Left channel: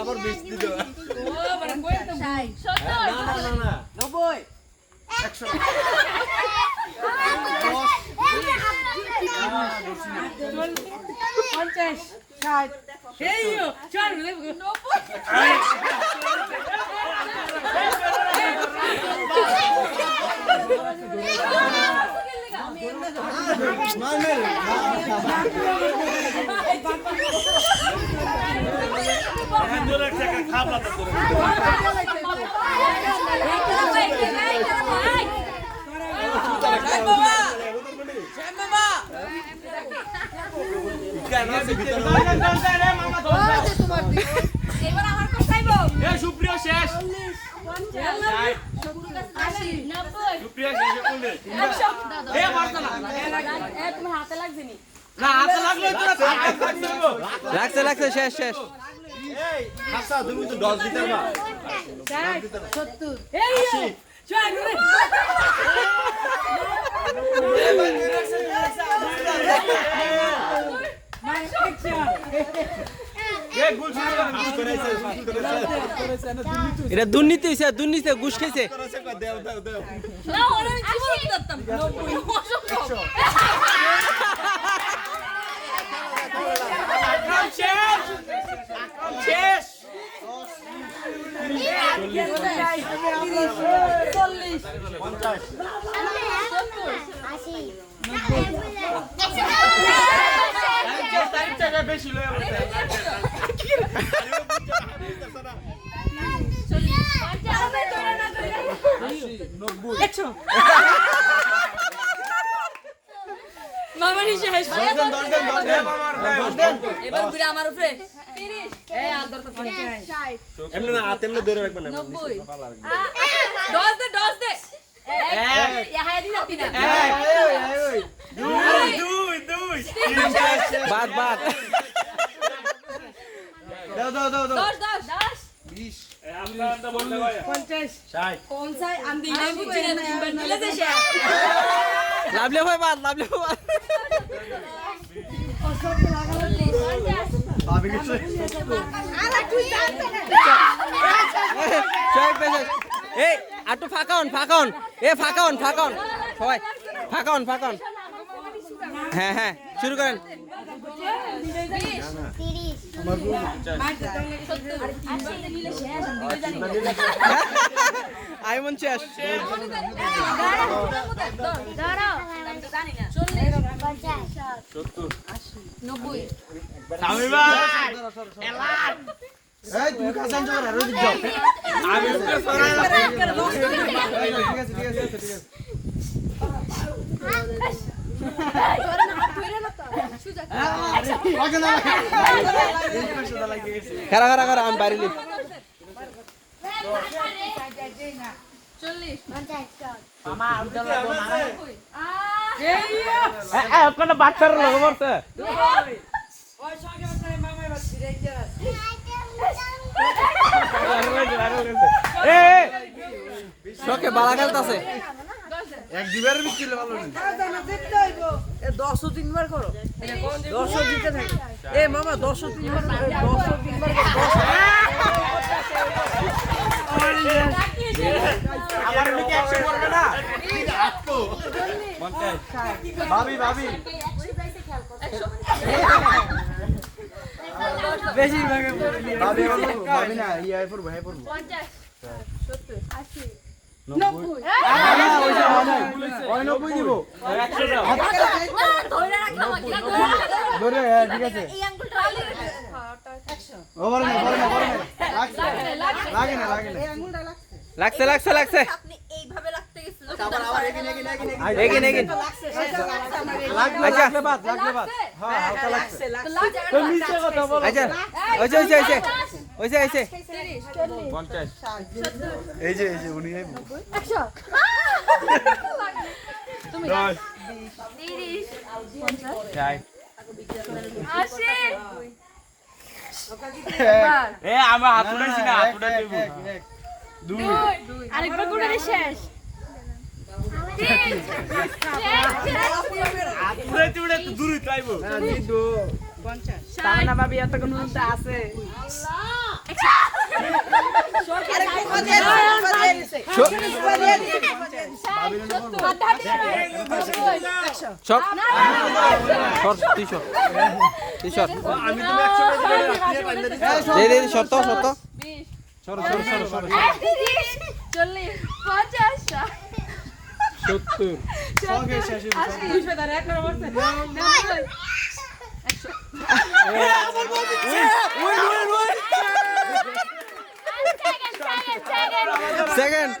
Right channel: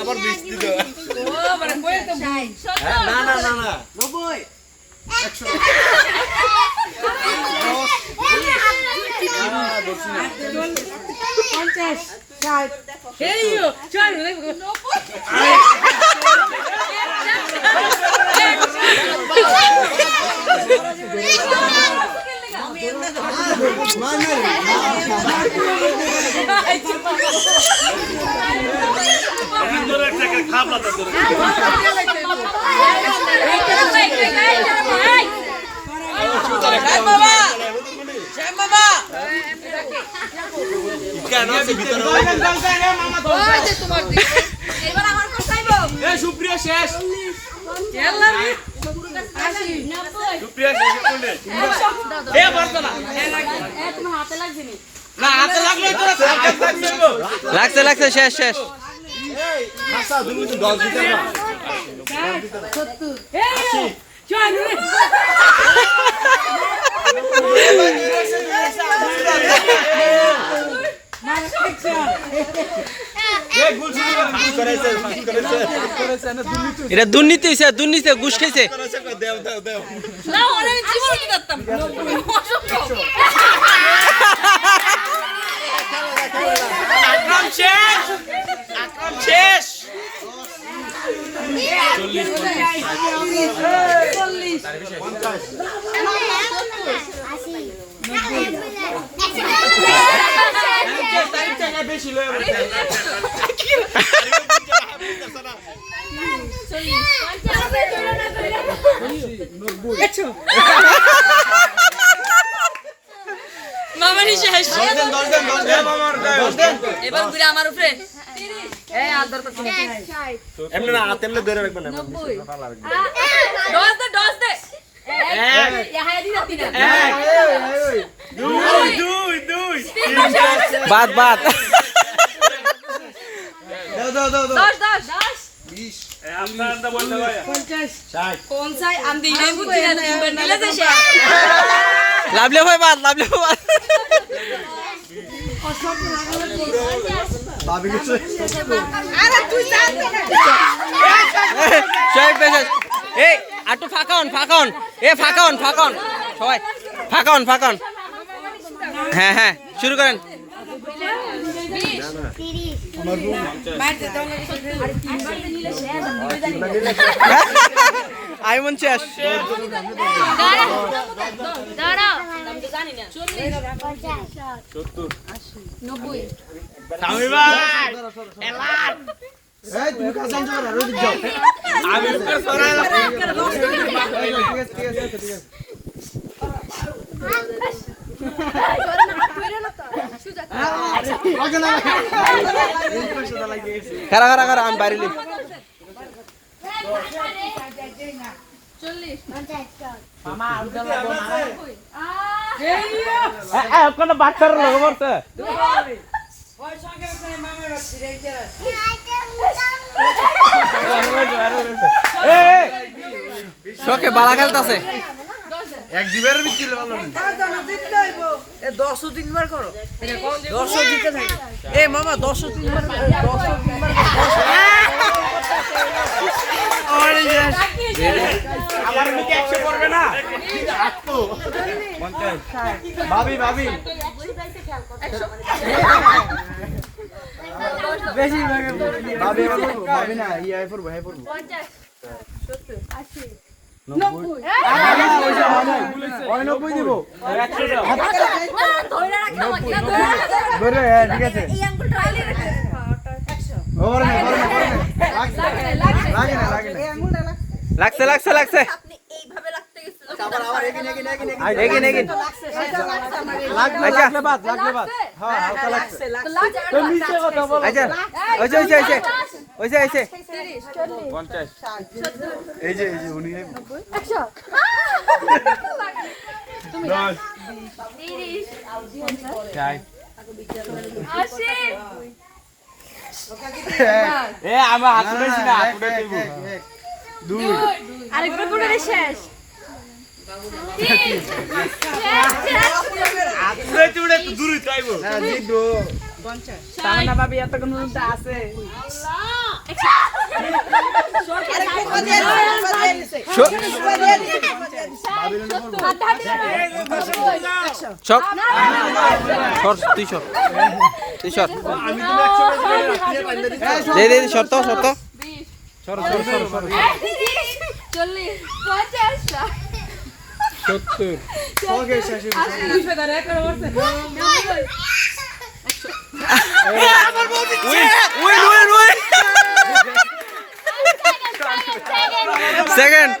আবার বৃষ্টি দেব না না না না 90 সুপ্রিয় শেষ লাগছে লাগছে শেষ শেষ এটা দুর্নীতি হয়েছে দুর্নীতি ঘুষ খেয়েছে শেষ বেশি মামানি শেষ এবার ঘুরে আমার উপরে এমনি না হাতে এমনি ধরে রাখবেন না 90 ডস দে বাদ বাদ লাভলে ভাই বাদ লাভলে বাদ এই আটু ফাঁকান ফাঁকান এ ফাঁকান ফাঁকান সবাই ফাঁকান ফাঁকান হ্যাঁ হ্যাঁ শুরু করেন আইমন শেষ তুমি কাছে যাও আর ওদিক যাও আমি উপরে সরাই ঠিক আছে খারা খারা খারা আমি বাইরে লিখ 40 বাচ্চার লোক মরছে শোকে বালা খেলতেছে এক দিবারের ভিতরে ভালো না 10 3বার করো 10 দিতে থাকে এ মামা 10 3বার 10 3বার আবার মুখে 100 পড়বে না আটকো 50 ভাবি ভাবি বেশি ভাগে ভাবি ভাবি না ইয়া পড়বে হে পড়বে 50 70 80 90 দিব 100 দাও ধরে রাখো ধরে ঠিক আছে এই আঙ্গুলটা আইলে 100 ওরে না লাগে না এই আঙ্গুলটা লাগছে লাগছে লাগছে আপনি এইভাবে রাখতে গেছিল আবার এগিয়ে আচ্ছা বাদ লাগবে বাদ হ্যাঁ লাগছে তো নিচে কথা বল আচ্ছা ওইছে 50 এই যে উনি 100 এ আমরা হাত উঠেছি না, হাত উঠে দেব। 2 আরেকবার করে শেষ তুড়ে তো দূরে চাইবো। তাহলে ভাবি এতক্ষণ আছে সর সর তুই সর তুই সর আমি তো 100 করে রাত্রিতে পাইলে দিছি। দে দে সর তো সর তো সরো সরো সরো সরো। 40 50 70 ওকে শেষ উইন উইন উইন সেকেন্ড